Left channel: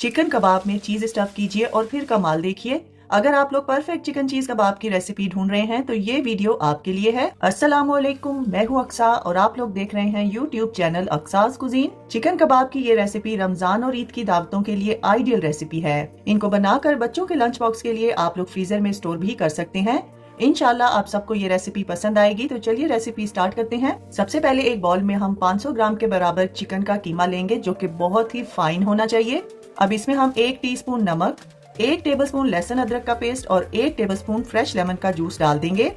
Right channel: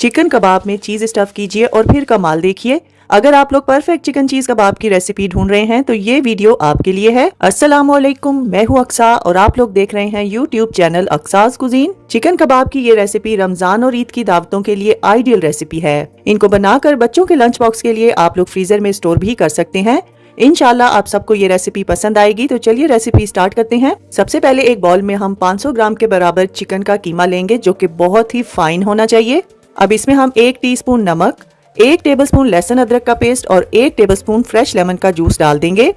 Chicken कबाब में चीज stuff कीजिए और फिर कमाल देखिए। अगर आप लोग परफेक्ट चिकन चीज कबाब की रेसिपी ढूंढ रहे हैं तो ये वीडियो आपके लिए है। अस्सलाम वालेकुम, मैं हूँ अक्सा और आप लोग देख रहे हैं यूट्यूब चैनल अक्साज कुजीन। चिकन कबाब की ये रेसिपी रमजान और ईद की दावतों के लिए आइडियल रेसिपी है। इनको बनाकर बच्चों के लंच बॉक्स के लिए आप लोग फ्रीजर में स्टोर भी कर सकते हैं। इंशाल्लाह आप सबको ये रेसिपी पसंद आएगी। तो चलिए रेसिपी स्टार्ट करते हैं। सबसे पहले एक बाउल में हम 500 ग्राम के बराबर चिकन का कीमा लेंगे जो कि बहुत ही फाइन होना चाहिए। अब इसमें हम 1 टीस्पून नमक, 1 टेबलस्पून लहसुन अदरक का पेस्ट और 1 टेबलस्पून फ्रेश लेमन का जूस डाल देंगे।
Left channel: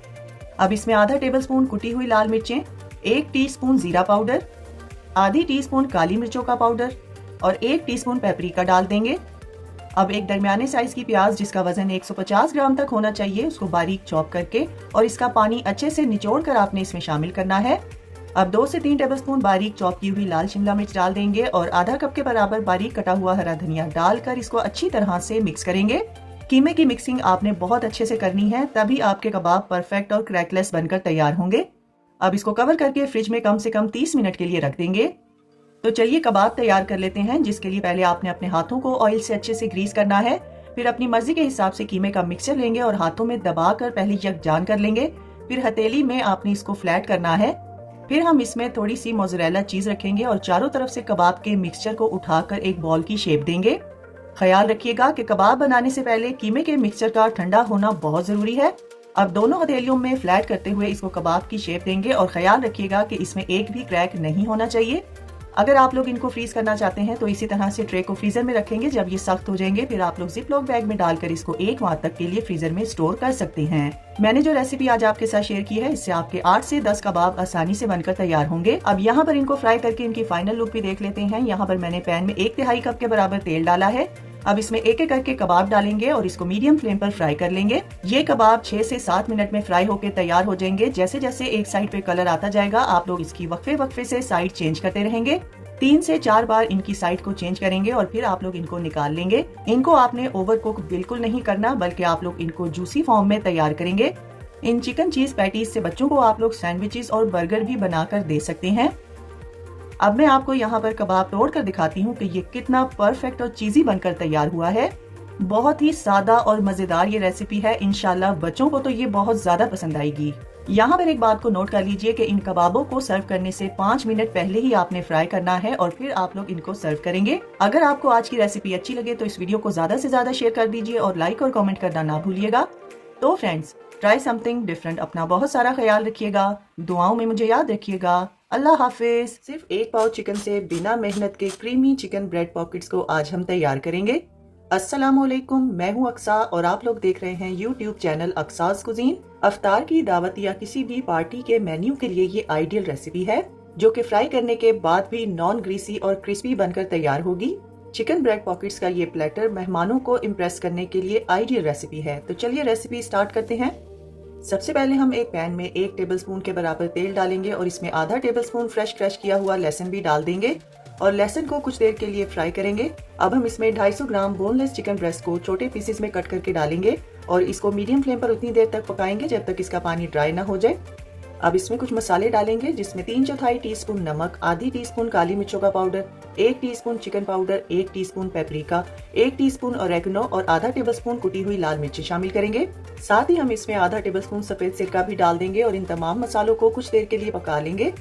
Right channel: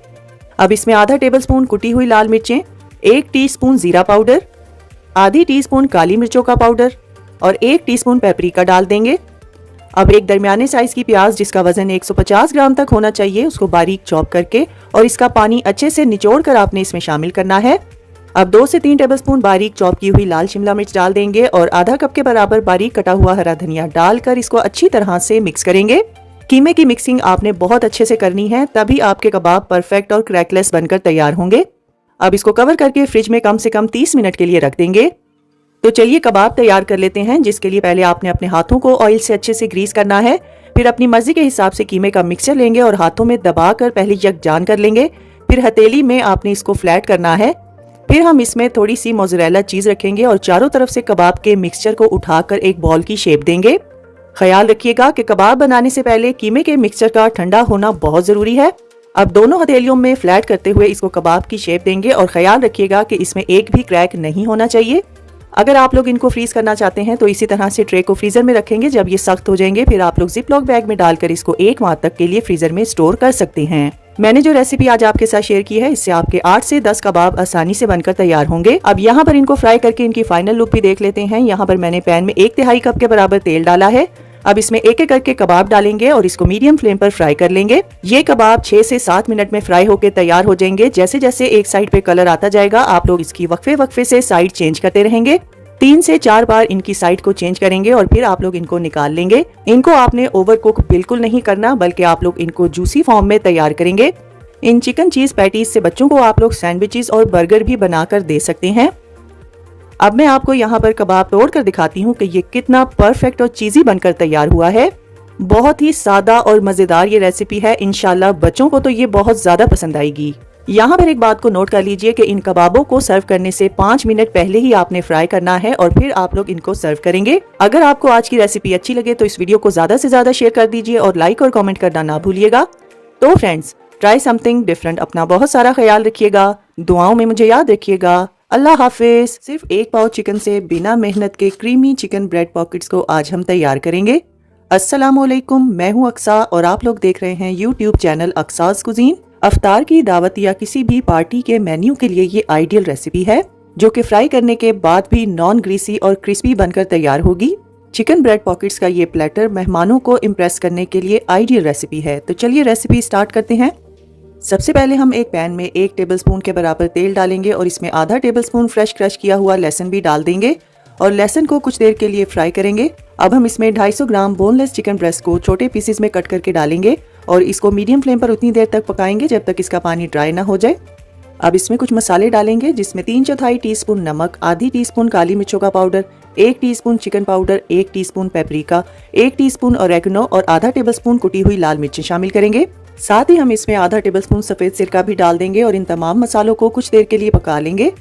अब इसमें आधा टेबलस्पून कुटी हुई लाल मिर्चें, 1 टीस्पून जीरा पाउडर, आधी टीस्पून काली मिर्चों का पाउडर और 1 टीस्पून पेपरिका डाल देंगे। अब एक दरमियाने साइज की प्याज जिसका वजन 150 ग्राम तक होना चाहिए उसको बारीक चॉप करके और इसका पानी अच्छे से निचोड़ कर आपने इसमें शामिल करना है। अब 2 से 3 टेबलस्पून बारीक चॉप की हुई लाल शिमला मिर्च डाल देंगे और आधा कप के बराबर बारीक कटा हुआ हरा धनिया डालकर इसको अच्छी तरह से मिक्स करेंगे। कीमे की मिक्सिंग आपने बहुत अच्छे से करनी है, तभी आपके कबाब परफेक्ट और क्रैकलेस बनकर तैयार होंगे। अब इसको कवर करके फ्रिज में कम से कम 30 मिनट के लिए रख देंगे। तो चलिए कबाब तैयार कर लेते हैं, जिसके लिए पहले आपने अपने हाथों को ऑयल से अच्छे से ग्रीस करना है। फिर अपनी मर्जी के हिसाब से कीमे का मिक्सचर लेंगे और हाथों में दबाकर पहले यकजान कर लेंगे। फिर हथेली में आपने इसको फ्लैट करना है। फिर हम इसमें थोड़ी सी मोज़रेला चीज रखेंगे और चारों तरफ से कबाब के मिक्सचर को उठाकर एक बॉल की शेप देंगे। ख्याल रखिएगा कि कबाब बनाने से पहले कीमे के मिक्सचर का ठंडा होना बहुत जरूरी है। अब दोनों हथेलियों में फ्लैट करते हुए इसको कबाब की शेप देंगे और ख्याल रखिएगा कि इसमें एक भी क्रैक नहीं होना चाहिए। अगर आप लोग इनको फ्रीज करना चाहते हैं तो इसी तरह से ट्रे को फ्रीजर में रखेंगे। जब ये सख्त हो जाएंगे फिर आप लोग जिप लॉक बैग में डालकर इसको 1 माह तक के लिए फ्रीजर में स्टोर कर सकते हैं। मैंने जो रेसिपी आज आपके साथ शेयर की है इससे आपके 8 से 10 कबाब आसानी से बनकर तैयार होंगे। अब यहाँ पर इनको फ्राई करके इनकी फाइनल लुक भी देख लेते हैं। यहाँ पर मैंने पैन में 1/3 कप के बराबर तेल डाला है। अब इसमें एक एक करके कबाब डालेंगे और इसको मीडियम फ्लेम पर फ्राई कर लेंगे। ये कबाब 6 से 7 मिनट में फ्राई होकर तैयार हो जाएंगे। जैसे जैसे एक साइड पे कलर आता जाएगा आप लोग इसकी वक्फे से साइड चेंज करते रहेंगे। 3 से 4 बार इनकी साइड को चेंज करेंगे और फिर आप लोग इनको निकाल लेंगे। इनको आपने ओवर कुक बिल्कुल नहीं करना, बल्कि आप लोग इनको जूसी फॉर्म में तैयार करेंगे। इन चिकन चीज पैटीज से बच्चों को आप लोग सैंडविचेस और बर्गर भी बनाकर दे सकते हैं। अब मैं आपको यहाँ पर कबाब तोड़ कर दिखाती हूँ कि ये कितना परफेक्ट और चीजी बनकर तैयार हुआ है। बहुत ही सादा और मजेदार ये रेसिपी है। इंशाल्लाह बच्चों को तो ये बहुत ज्यादा पसंद आएगी। यहाँ पर एक बात को नोट कर लीजिए कि इन कबाबों को सर्व करने से 5 मिनट पहले ही आपने फ्राई करना है और फिर आप लोग इनको सर्व करेंगे। अगर आपको आज की रेसिपी अच्छी लगे तो इस वीडियो को ज्यादा से ज्यादा शेयर कर दीजिए और लाइक और कमेंट करना ना भूलिएगा। तो फ्रेंड्स, ट्राई समथिंग डिफरेंट। अपना बहुत सारा ख्याल रखिएगा। दुआओं में मुझे याद रखिएगा। अल्लाह हाफिज। सिर्फ 1 पाव चिकन से बिना मेहनत के क्रीमी चिकन ब्रेड पॉकेट्स को आज हम तैयार करेंगे। अस्सलाम वालेकुम, मैं हूँ अक्सा और आप लोग देख रहे हैं यूट्यूब चैनल अक्साज कुजीन। अफ्तार की दावत या किसी भी पार्टी के मेन्यू के लिए ये आइडियल रेसिपी है, जो कि फ्राई करने के बाद भी नॉन ग्रीसी और क्रिस्पी बनकर तैयार होगी। चिकन ब्रेड पॉकेट्स का ये प्लेटर मेहमानों को इम्प्रेस करने के लिए आइडियल रेसिपी है। तो चलिए रेसिपी स्टार्ट करते हैं। सबसे पहले हम एक पैन में 1 टेबलस्पून के बराबर तेल डालेंगे और इसमें आधा टेबलस्पून फ्रेश क्रश किया हुआ लहसुन भी डाल देंगे और लहसुन को कुछ देर के लिए फ्राई करेंगे। अब हम इसमें 250 ग्राम बोनलेस चिकन ब्रेस्ट को छोटे पीसेस में कट करके डालेंगे और इसको मीडियम फ्लेम पर उतनी देर तक पकाएंगे जब तक इसका पानी ड्राई ना हो जाए। अब इसमें कुछ मसाले डालेंगे जिसमें 3/4 टीस्पून नमक, आधी टीस्पून काली मिर्चों का powder, 1 teaspoon chicken powder, 1 teaspoon paprika, 1 teaspoon oregano और आधा टेबलस्पून कुटी हुई लाल मिर्ची शामिल करेंगे। साथ ही हम इसमें आधा टेबलस्पून सफेद सिरका भी डाल देंगे और इन तमाम मसालों को कुछ देर के लिए पका लेंगे।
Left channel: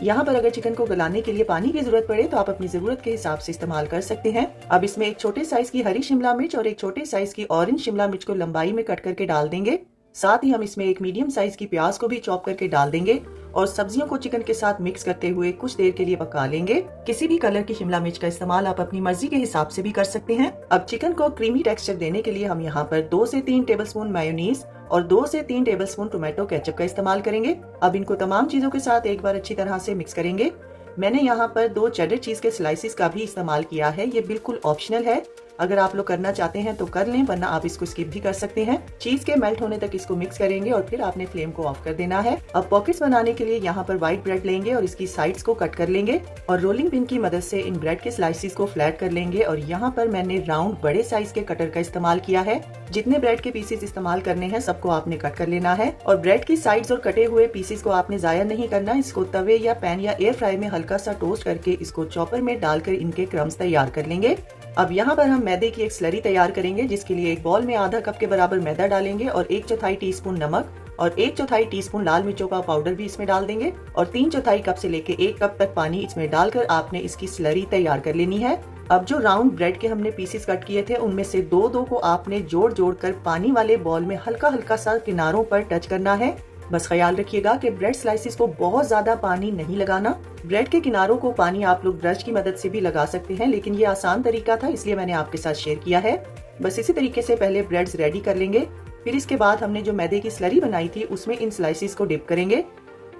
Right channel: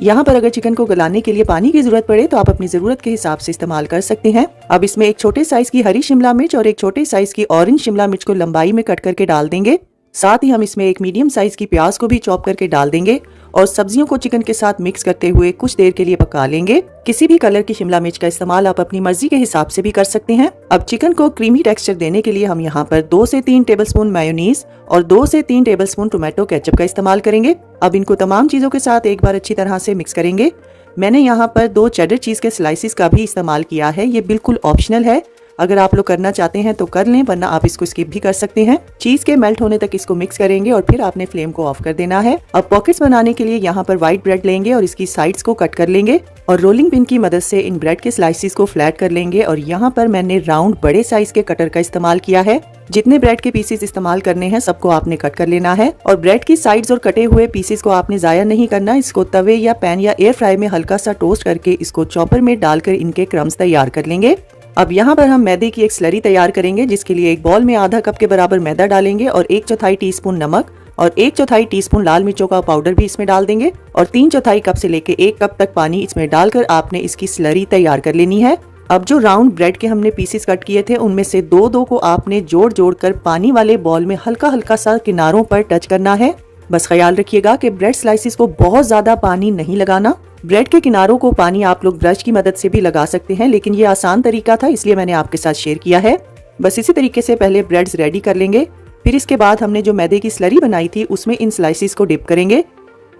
यहाँ पर अगर चिकन को गलाने के लिए पानी की जरूरत पड़े तो आप अपनी जरूरत के हिसाब से इस्तेमाल कर सकते हैं। अब इसमें एक छोटे साइज की हरी शिमला मिर्च और एक छोटे साइज की ऑरेंज शिमला मिर्च को लंबाई में कट करके डाल देंगे। साथ ही हम इसमें एक मीडियम साइज की प्याज को भी चॉप करके डाल देंगे और सब्जियों को चिकन के साथ मिक्स करते हुए कुछ देर के लिए पका लेंगे। किसी भी कलर की शिमला मिर्च का इस्तेमाल आप अपनी मर्जी के हिसाब से भी कर सकते हैं। अब चिकन को क्रीमी टेक्सचर देने के लिए हम यहाँ पर 2 से 3 टेबलस्पून मेयोनीज और 2 से 3 टेबलस्पून टोमेटो केचप का इस्तेमाल करेंगे। अब इनको तमाम चीजों के साथ एक बार अच्छी तरह से मिक्स करेंगे। मैंने यहाँ पर 2 चेडर चीज के स्लाइसिस का भी इस्तेमाल किया है। ये बिल्कुल ऑप्शनल है, अगर आप लोग करना चाहते हैं तो कर लें, वरना आप इसको स्किप भी कर सकते हैं। चीज के मेल्ट होने तक इसको मिक्स करेंगे और फिर आपने फ्लेम को ऑफ कर देना है। अब पॉकेट्स बनाने के लिए यहाँ पर व्हाइट ब्रेड लेंगे और इसकी साइड्स को कट कर लेंगे और रोलिंग पिन की मदद से इन ब्रेड के स्लाइसिस को फ्लैट कर लेंगे। और यहाँ पर मैंने राउंड बड़े साइज के कटर का इस्तेमाल किया है। जितने ब्रेड के पीसेस इस्तेमाल करने हैं सबको आपने कट कर लेना है और ब्रेड की साइड्स और कटे हुए पीसेस को आपने जाया नहीं करना। इसको तवे या पैन या एयर फ्राई में हल्का सा टोस्ट करके इसको चॉपर में डालकर इनके क्रम्स तैयार कर लेंगे। अब यहाँ पर हम मैदे की एक स्लरी तैयार करेंगे, जिसके लिए एक बॉल में आधा कप के बराबर मैदा डालेंगे और 1/4 टीस्पून नमक और 1/4 टीस्पून लाल मिर्चों का पाउडर भी इसमें डाल देंगे और 3/4 कप से लेके 1 कप तक पानी इसमें डालकर आपने इसकी स्लरी तैयार कर लेनी है। अब जो राउंड ब्रेड के हमने पीसेस कट किए थे, उनमें से दो दो को आपने जोड़ जोड़ कर पानी वाले बॉल में हल्का हल्का सा किनारों पर टच करना है। बस ख्याल रखिएगा कि ब्रेड स्लाइसिस को बहुत ज्यादा पानी नहीं लगाना। ब्रेड के किनारों को पानी आप लोग ब्रश की मदद से भी लगा सकते हैं, लेकिन ये आसान तरीका था इसलिए मैंने आपके साथ शेयर किया है। बस इसी तरीके से पहले ब्रेड्स रेडी कर लेंगे। फिर इसके बाद हमने जो मैदे की स्लरी बनाई थी उसमें इन स्लाइसिस को डिप करेंगे।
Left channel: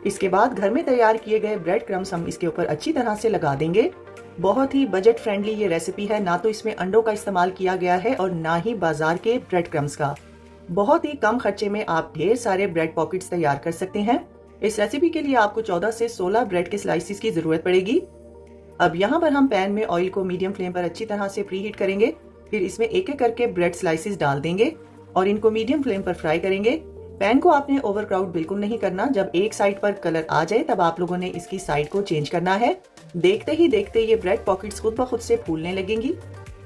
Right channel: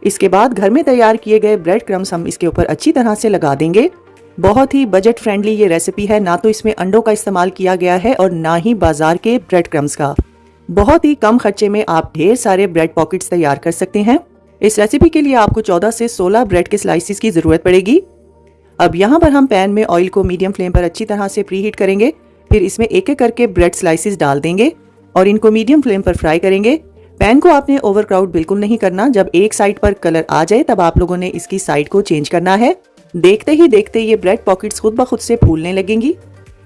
इसके बाद घर में तैयार किए गए ब्रेड क्रम्स हम इसके ऊपर अच्छी तरह से लगा देंगे। बहुत ही बजट फ्रेंडली ये रेसिपी है, ना तो इसमें अंडों का इस्तेमाल किया गया है और ना ही बाजार के ब्रेड क्रम्स का। बहुत ही कम खर्चे में आप ढेर सारे ब्रेड पॉकेट्स तैयार कर सकते हैं। इस रेसिपी के लिए आपको 14 से 16 ब्रेड के स्लाइसिस की जरूरत पड़ेगी। अब यहाँ पर हम पैन में ऑयल को मीडियम फ्लेम पर अच्छी तरह से प्री हीट करेंगे। फिर इसमें एक एक करके ब्रेड स्लाइसिस डाल देंगे और इनको मीडियम फ्लेम पर फ्राई करेंगे। पैन को आपने ओवरक्राउड बिल्कुल नहीं करना। जब एक साइड पर कलर आ जाए तब आप लोगों ने इसकी साइड को चेंज करना है। देखते ही देखते ये ब्रेड पॉकेट्स खुद ब खुद से फूलने लगेंगी।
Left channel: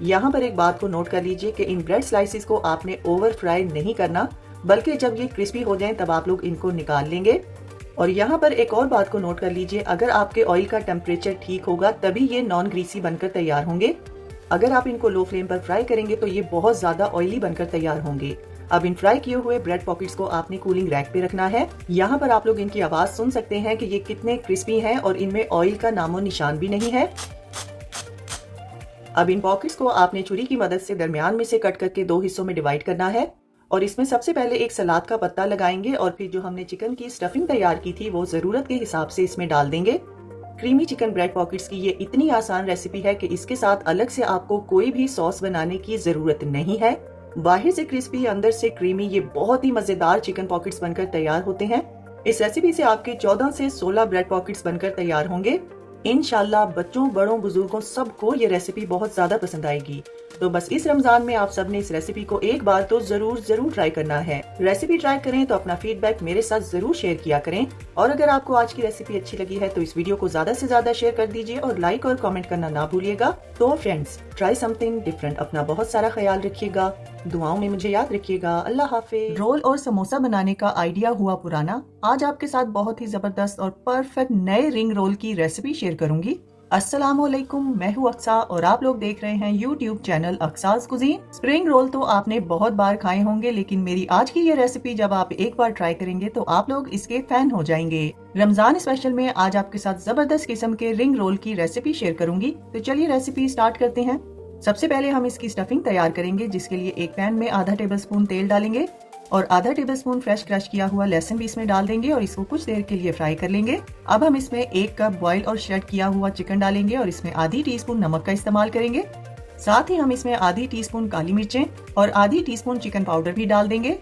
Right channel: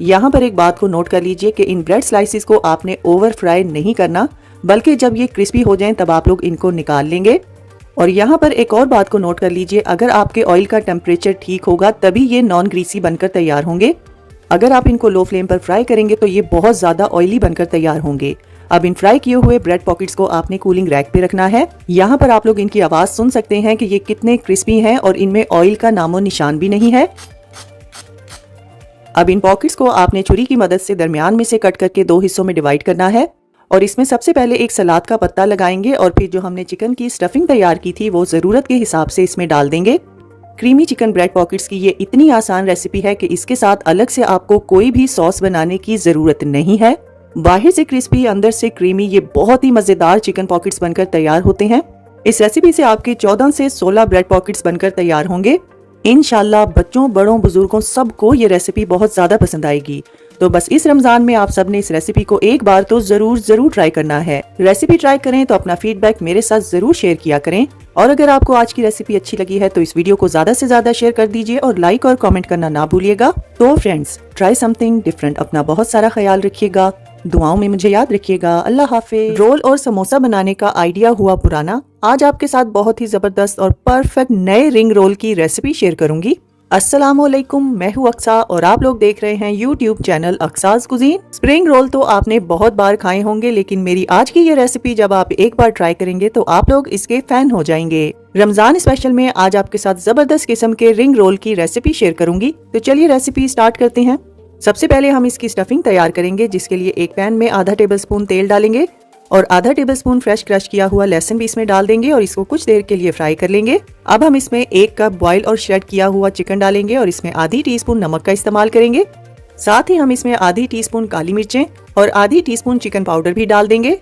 यहाँ पर एक बात को नोट कर लीजिए कि इन ब्रेड स्लाइसिस को आपने ओवर फ्राई नहीं करना, बल्कि जब ये क्रिस्पी हो जाएं तब आप लोग इनको निकाल लेंगे। और यहाँ पर एक और बात को नोट कर लीजिए, अगर आपके ऑयल का टेम्परेचर ठीक होगा तभी ये नॉन ग्रीसी बनकर तैयार होंगे। अगर आप इनको लो फ्लेम पर फ्राई करेंगे तो ये बहुत ज्यादा ऑयली बनकर तैयार होंगे। अब इन फ्राई किए हुए ब्रेड पॉकेट्स को आपने कूलिंग रैक पे रखना है। यहाँ पर आप लोग इनकी आवाज सुन सकते हैं कि ये कितने क्रिस्पी हैं और इनमें ऑयल का नामो निशान भी नहीं है। अब इन पॉकेट्स को आपने छुरी की मदद से दरमियान में से कट करके दो हिस्सों में डिवाइड करना है और इसमें सबसे पहले एक सलाद का पत्ता लगाएंगे और फिर जो हमने चिकन की स्टफिंग तैयार की थी वो जरूरत के हिसाब से इसमें डाल देंगे। क्रीमी चिकन ब्रेड पॉकेट्स की ये इतनी आसान रेसिपी है कि इसके साथ अलग से आपको कोई भी सॉस बनाने की जरूरत नहीं है। बाहर से क्रिस्पी अंदर से क्रीमी ये बहुत ही मजेदार चिकन पॉकेट्स बनकर तैयार होते हैं। इस रेसिपी से आपके 14 से 16 ब्रेड पॉकेट्स बनकर तैयार होंगे। इंशाल्लाह बच्चों बड़ों बुजुर्गों सबको ये रेसिपी बहुत ज्यादा पसंद आएगी। तो बस इस रमजान में आप सबने इस रेसिपी को एक बार तो जरूर ट्राई करना है। रेसिपी ट्राई करें तो अपना फीडबैक मेरे साथ जरूर शेयर किया करें और अगर आपको आज की रेसिपी अच्छी लगी है तो इस वीडियो को ज्यादा से ज्यादा शेयर कर दीजिए और लाइक और कमेंट करना ना भूलिएगा। तो फ्रेंड्स, ट्राई समथिंग डिफरेंट। अपना बहुत सारा ख्याल रखिएगा, दुआओं में मुझे याद रखिएगा। अल्लाह हाफिज। रोल और समोसा बनाने का आइडिया हुआ पुराना। आज आपके साथ बहुत ही जबरदस्त और परफेक्ट नए रिंग रोल की रेसिपी शेयर करूंगी। अस्सलामुअलैकुम, मैं हूँ अक्सा और आप लोग देख रहे हैं यूट्यूब चैनल अक्साज कुजीन। स्प्रिंग रोल तो आपने बहुत बार खाए होंगे, लेकिन मेरी आज की ये रेसिपी जब आप एक बार ट्राई करेंगे तो आप लोग इसके फैन हो जाएंगे। रमजान स्पेशल में आज आपके साथ जबरदस्त किस्म के रिंग रोल की रेसिपी शेयर करूंगी। तो चलिए रेसिपी स्टार्ट करते हैं। सबसे पहले हम इसकी स्टफिंग तैयार करेंगे, जिसके लिए एक पैन में आधा टेबलस्पून तेल डालेंगे और आधा टेबलस्पून फ्रेश क्रश किया हुआ लहसुन भी इसमें डाल देंगे और इसको कुछ देर के लिए फ्राई कर लेंगे। अब हम इसमें 1 कप बॉयल और श्रेड किया हुआ चिकन डालेंगे और इसमें आधी टीस्पून नमक का इस्तेमाल करेंगे। साथ ही हम इसमें आधी टीस्पून काली मिर्चें और आधी टीस्पून चिकन पाउडर भी डाल देंगे।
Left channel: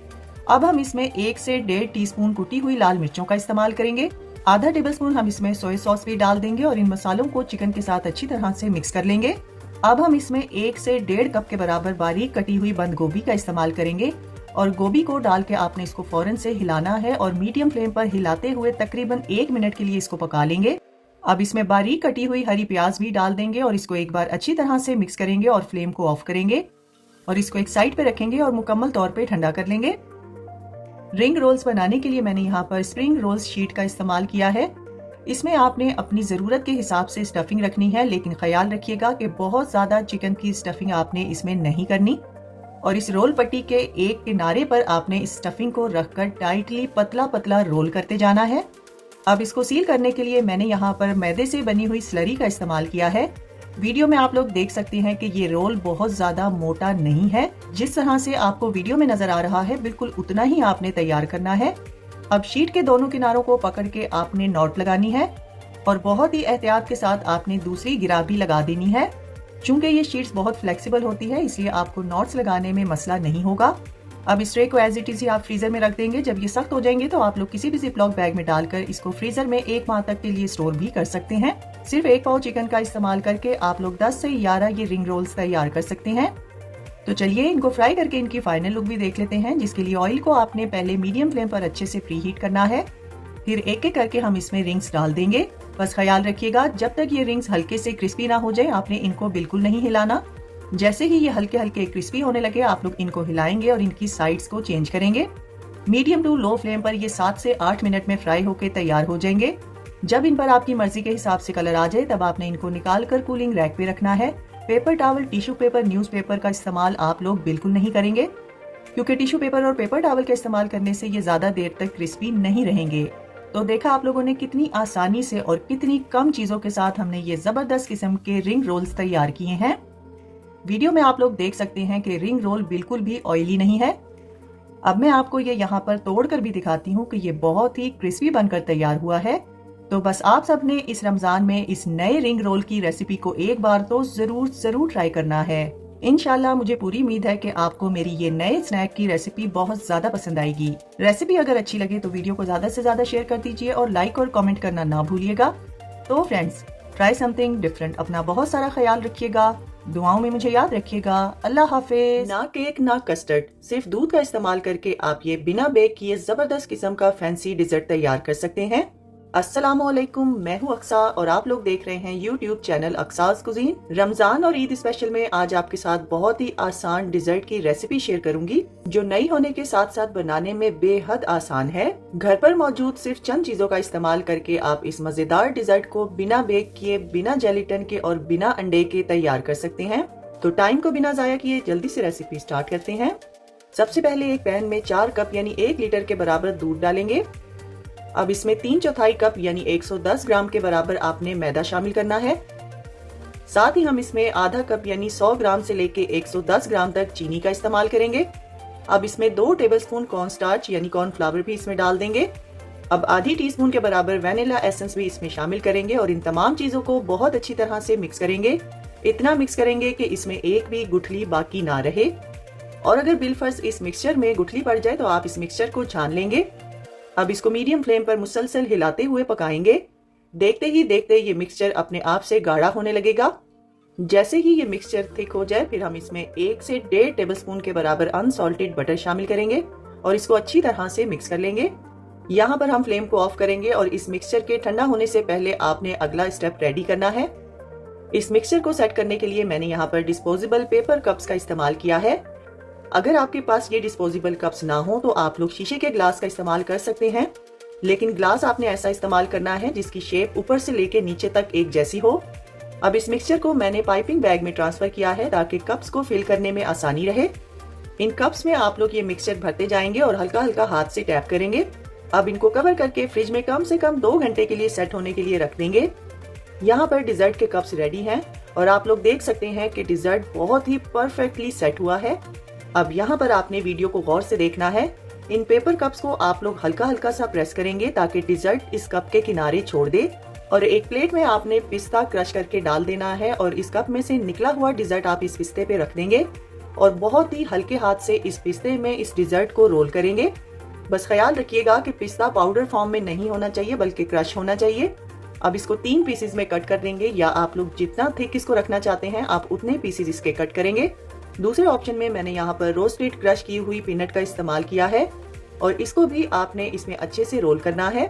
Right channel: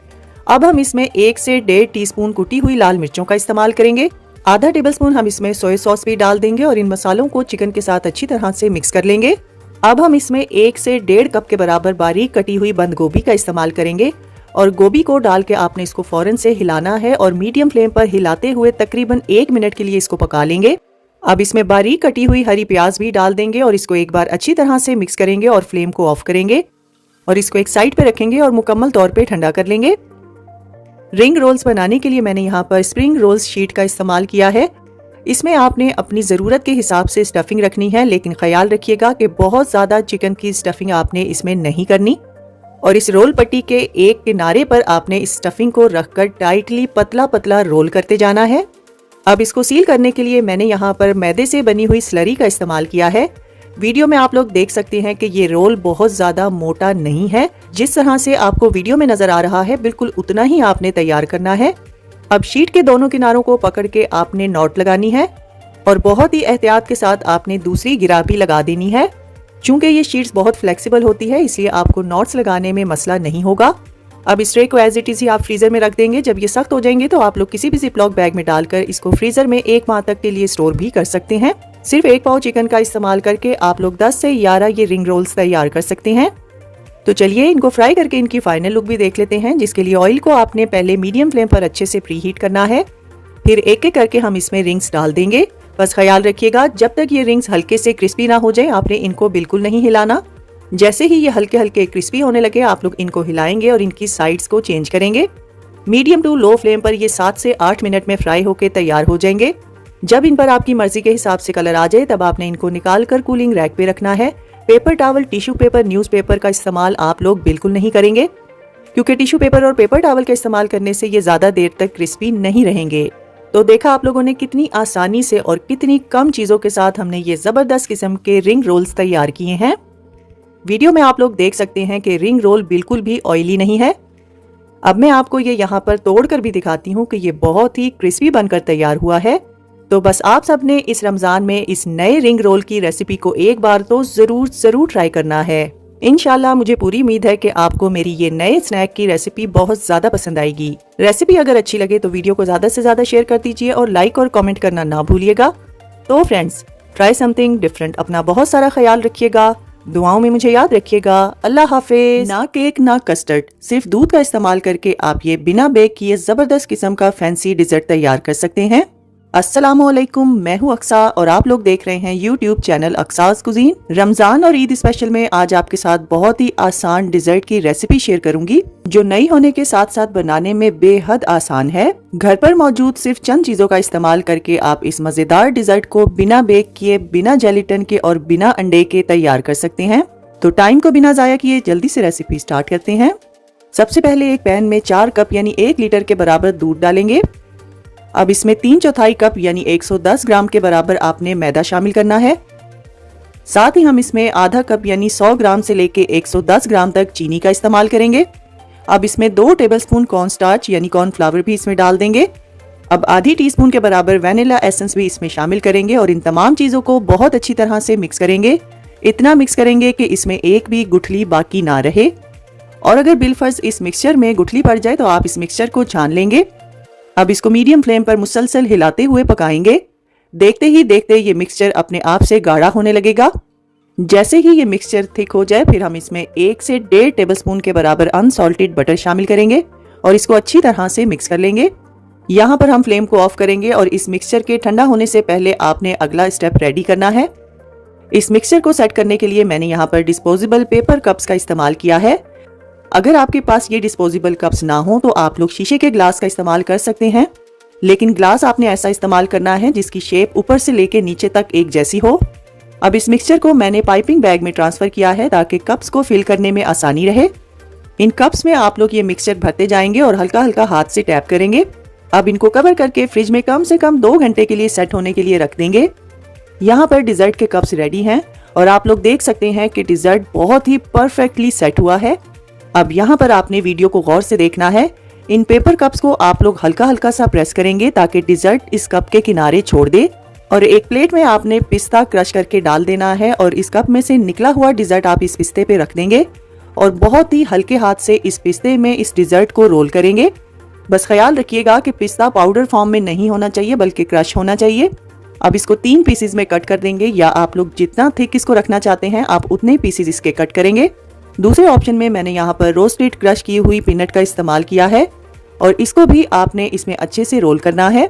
अब हम इसमें 1 से 1.5 टीस्पून कुटी हुई लाल मिर्चों का इस्तेमाल करेंगे। आधा टेबलस्पून हम इसमें सोया सॉस भी डाल देंगे और इन मसालों को चिकन के साथ अच्छी तरह से मिक्स कर लेंगे। अब हम इसमें 1 से 1.5 कप के बराबर बारीक कटी हुई बंद गोभी का इस्तेमाल करेंगे और गोभी को डाल के आपने इसको फौरन से हिलाना है और मीडियम फ्लेम पर हिलाते हुए तकरीबन 1 मिनट के लिए इसको पका लेंगे। अब इसमें बारीक कटी हुई हरी प्याज भी डाल देंगे और इसको एक बार अच्छी तरह से मिक्स करेंगे और फ्लेम को ऑफ करेंगे और इसको एक साइड पे रखेंगे और मुकम्मल तौर पे ठंडा कर लेंगे। रिंग रोल्स बनाने के लिए मैंने यहाँ पर स्प्रिंग रोल्स शीट का इस्तेमाल किया है। इसमें आपने अपनी ज़रूरत के हिसाब से स्टफिंग रखनी है, लेकिन ख्याल रखिएगा कि बहुत ज़्यादा चिकन की स्टफिंग आपने इसमें नहीं करनी। और इस रोल पट्टी के एक किनारे पर आपने इस स्टफिंग को रखकर टाइटली पतला पतला रोल करते जाना है। अब इसको सील करने के लिए मैंने यहाँ पर मैदे से बनी हुई स्लरी का इस्तेमाल किया है। वीडियो में आप लोग देख सकते हैं कि ये रोल बहुत ज्यादा मोटा नहीं है। जिस तरह से आपको वीडियो में नजर आ रहा है बिल्कुल उतना ही आपने तैयार करना है। अब शीट के दोनों किनारों को पकड़ के आपने नॉट लगानी है और बहुत ही एहतियात के साथ आपने दूसरी गिरा भी लगा देनी है। चूंकि ये शीट्स बहुत फ्लेक्सिबल होती है इसलिए आपको नॉट्स लगाने में मसला नहीं होगा। अब इस ट्रे को एज इट इज ही आप फ्रीजर में रख देंगे। जब ये सख्त हो जाएंगे तो आप लोग किसी भी जिपलॉक बैग में डालकर इसको फ्रीजर में 1 माह तक के लिए स्टोर भी कर सकते हैं। सिर्फ 1 पाव चिकन का इस्तेमाल करके आप लोग 10 से 11 ये रिंग रोल्स तैयार कर सकते हैं। तो चलिए इनको फ्राई करके इनकी फाइनल लुक भी देख लेते हैं, जिसके लिए ऑयल को आपने पहले मीडियम फ्लेम पर अच्छे से प्री हीट करना है। फिर एक एक करके हम इसमें रिंग्स डाल देंगे। बस ख्याल रखिएगा जब तक ये रिंग्स हल्के से क्रिस्पी ना हो जाए आपने इनको बिल्कुल नहीं हिलाना। जैसे ही ये हल्के हल्के क्रिस्पी होने लगे आप लोग इनको हिलाएंगे और इनकी साइड्स को चेंज करेंगे। मीडियम टू लो फ्लेम पर ये 7 से 8 मिनट में फ्राई होकर तैयार हो जाएंगे। जब इन पर आपकी मर्जी के हिसाब से कलर आ जाए तब आपने इनको निकाल कर कूलिंग रैक पे रखना है। Paper towel, tissue paper, newspaper का इस्तेमाल आप लोग बिल्कुल नहीं करेंगे, क्योंकि टिश्यू पेपर और पेपर टॉवल का इस्तेमाल करने से ये ज्यादा देर तक क्रिस्पी नहीं रहेंगे। तो देखा आप लोगों ने कितनी आसानी से और कितनी कम चीजों के साथ हमने ये जबरदस्त किस्म के रिंग रोल्स तैयार किए हैं। वीडियो में आप लोग देख सकते हैं कि रिंग रोल बिल्कुल भी ऑयली नहीं है। अब मैं आपको ये यहाँ पर तोड़कर भी दिखाती हूँ कि ये बहुत ही क्रिस्पी बनकर तैयार हुआ है। तो बस आप सबने इस रमजान में इस नए रिंग रोल की रेसिपी को एक बार तो जरूर ट्राई करना है। इंशाल्लाह मुझे पूरी उम्मीद है कि आपको मेरी ये नए स्नैक की रेसिपी बहुत ज्यादा पसंद आएगी। रेसिपी अगर अच्छी लगे तो वीडियो को ज्यादा से ज्यादा शेयर कर दीजिए और लाइक और कमेंट करना ना भूलिएगा। तो फ्रेंड्स, ट्राई समथिंग डिफरेंट। अपना बहुत सारा ख्याल रखिएगा, दुआओं में मुझे याद रखिएगा। अल्लाह हाफिज। ना केक ना कस्टर्ड, सिर्फ दूध का इस्तेमाल करके आप ये बिना बेक किए जबरदस्त किस्म का फैंसी डिजर्ट तैयार कर सकते हैं। अस्सलामुअलैकुम, मैं हूँ अक्सा और आप लोग देख रहे हैं यूट्यूब चैनल अक्सास कुजीन। रमजान और ईद स्पेशल में आज आपके साथ बहुत ही आसान डिजर्ट की रेसिपी शेयर करूंगी, जो नई होने के साथ साथ बनाने में बेहद आसान है। घर पर मौजूद सिर्फ चंद चीजों का इस्तेमाल करके आप इस मजेदार डिजर्ट को बिना बेक किए, बिना जेलेटिन के और बिना अंडे के तैयार कर सकते हैं। तो टाइम को बिना जाया किए जल्दी से रेसिपी स्टार्ट करते हैं। सबसे पहले एक पैन में 4 कप यानी 1 लीटर के बराबर दूध डालेंगे। अब इसमें 3/4 कप यानी 110 ग्राम के बराबर आपने मैदा शामिल करना है। साथ ही हम इसमें आधा कप यानी 100 ग्राम से लेके 110 ग्राम तक चीनी का इस्तेमाल करेंगे। अब इसमें 2 टेबलस्पून कॉर्नस्टार्च यानी कॉर्नफ्लावर भी इसमें डाल देंगे। अब आधी टीस्पून के बराबर वैनिला एसेंस भी इसमें शामिल करेंगे और इन तमाम चीजों को बहुत अच्छी तरह से मिक्स करेंगे। इतना मिक्स करेंगे कि इसमें एक भी गुठली बाकी ना रहे, और अगर बिलफर्ज इस मिक्सचर में गुठली पड़ जाए तो आप इस मिक्सचर को छान लेंगे। अब इसको मीडियम फ्लेम पर मुसलसल हिलाते हुए पकाएंगे। देखते ही देखते ये मिक्सचर अपने आप से गाढ़ा होने लगेगा। जैसे ही ये मिक्सचर थिक हो जाए फिर हम इसमें 1 से 1.5 टेबलस्पून के बराबर अनसॉल्टेड बटर शामिल करेंगे और इसको अच्छी तरह से मिक्स कर लेंगे। यहाँ पर हम फ्लेम को ऑफ करेंगे और इस मिक्सचर के ठंडा होने से पहले आपने अगला स्टेप रेडी करना है। इस मिक्सचर को सेट करने के लिए मैंने यहाँ पर डिस्पोजेबल पेपर कप्स का इस्तेमाल किया है। अगर आपके पास ये डिस्पोजेबल कप्स ना हो तो आप लोग शीशे के ग्लास का इस्तेमाल कर सकते हैं, लेकिन ग्लास आपने ऐसा इस्तेमाल करना है जिसकी शेप ऊपर से लेके नीचे तक एक जैसी हो। अब इस मिक्सचर को मैंने पाइपिंग बैग में ट्रांसफर किया है ताकि कप्स को फिल करने में आसानी रहे। इन कप्स में आप लोग ये मिक्सचर भरते जाएंगे और हल्का हल्का हाथ से टैप करेंगे। अब इनको कवर करके फ्रिज में कम से कम 2 घंटे के लिए सेट होने के लिए रख देंगे। यहाँ पर डिजर्ट के कप्स रेडी हैं और आप लोग देख सकते हैं कि डिजर्ट बहुत ही परफेक्टली सेट हुआ है। अब यहाँ पर आपने वीडियो को गौर से देखना है। इन पेपर कप्स को आप लोग हल्का हल्का सा प्रेस करेंगे ताकि डिजर्ट इस कप के किनारे छोड़ दे, और एक प्लेट में आपने पिस्ता क्रश करके डाल देना है और इस कप में से निकला हुआ डिजर्ट आप इस पिस्ते पे रख देंगे और बहुत ही हल्के हाथ से इस पिस्ते में इस डिजर्ट को रोल करेंगे। बस ख्याल रखिएगा कि पिस्ता पाउडर फॉर्म में नहीं होना चाहिए बल्कि क्रश होना चाहिए। अब इसको 3 पीसेज में कट कर देंगे, या आप लोग जितना थिक इसको रखना चाहते हैं आप उतने पीसेज इसके कट करेंगे। दूसरे ऑप्शन में मैंने यहाँ पर रोस्टेड क्रश की हुई पीनट का इस्तेमाल किया है और इसको भी आपने इसमें अच्छे से रोल करना है।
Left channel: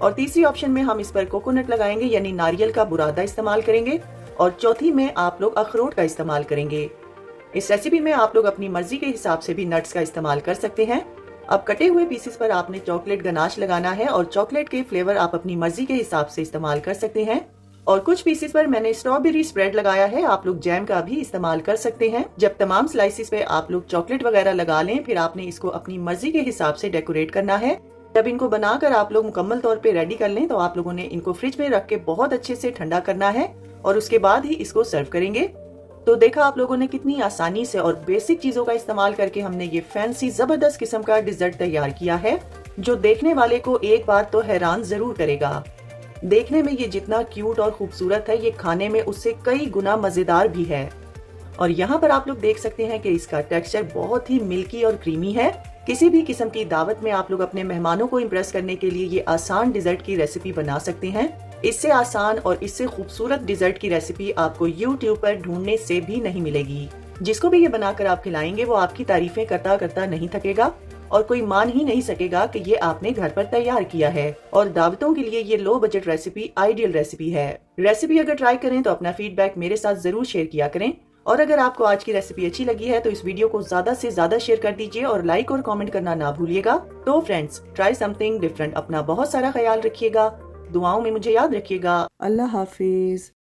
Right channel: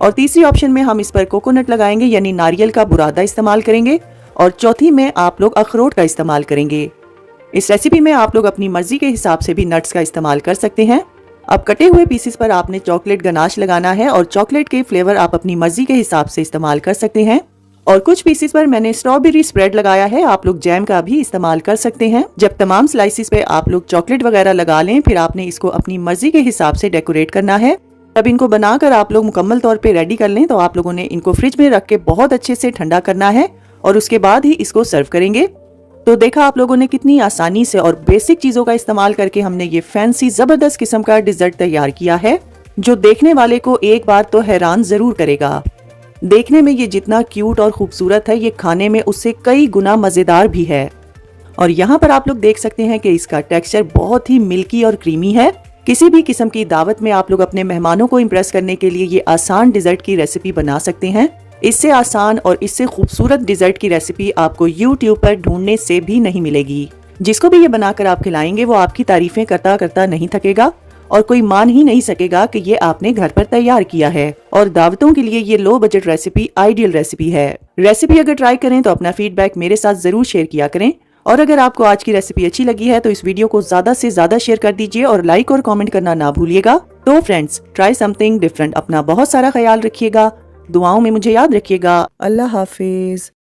और तीसरी ऑप्शन में हम इस पर कोकोनट लगाएंगे यानी नारियल का बुरादा इस्तेमाल करेंगे, और चौथी में आप लोग अखरोट का इस्तेमाल करेंगे। इस रेसिपी में आप लोग अपनी मर्जी के हिसाब से भी नट्स का इस्तेमाल कर सकते हैं। अब कटे हुए पीसेस पर आपने चॉकलेट गनाश लगाना है और चॉकलेट के फ्लेवर आप अपनी मर्जी के हिसाब से इस्तेमाल कर सकते हैं। और कुछ पीसेस पर मैंने स्ट्रॉबेरी स्प्रेड लगाया है, आप लोग जैम का भी इस्तेमाल कर सकते हैं। जब तमाम स्लाइसिस पे आप लोग चॉकलेट वगैरह लगा लें फिर आपने इसको अपनी मर्जी के हिसाब से डेकोरेट करना है। जब इनको बनाकर आप लोग मुकम्मल तौर पे रेडी कर लें तो आप लोगों ने इनको फ्रिज में रख के बहुत अच्छे से ठंडा करना है और उसके बाद ही इसको सर्व करेंगे। तो देखा आप लोगों ने कितनी आसानी से और बेसिक चीजों का इस्तेमाल करके हमने ये फैंसी जबरदस्त किस्म का डिजर्ट तैयार किया है, जो देखने वाले को एक बार तो हैरान जरूर करेगा। देखने में ये जितना क्यूट और खूबसूरत है, ये खाने में उससे कई गुना मजेदार भी है। और यहाँ पर आप लोग देख सकते हैं कि इसका टेक्सचर बहुत ही मिल्की और क्रीमी है। किसी भी किस्म की दावत में आप लोग अपने मेहमानों को इम्प्रेस करने के लिए ये आसान डिजर्ट की रेसिपी बना सकते हैं। इससे आसान और इससे खूबसूरत डिजर्ट की रेसिपी आपको YouTube पर ढूंढने से भी नहीं मिलेगी। जिसको भी ये बनाकर आप खिलाएंगे वो आपकी तारीफें करता करता नहीं थकेगा और कोई मान ही नहीं सकेगा कि ये आपने घर पर तैयार किया है। और दावतों के लिए ये low budget recipe ideal recipe है। रेसिपी अगर ट्राई करें तो अपना फीडबैक मेरे साथ जरूर शेयर किया करें और अगर आपको आज की रेसिपी अच्छी लगी है तो इस वीडियो को ज्यादा से ज्यादा शेयर कर दीजिए और लाइक और कमेंट करना ना भूलिएगा। तो फ्रेंड्स, ट्राई समथिंग डिफरेंट। अपना बहुत सारा ख्याल रखिएगा, दुआओं में मुझे याद रखिएगा। अल्लाह हाफिज।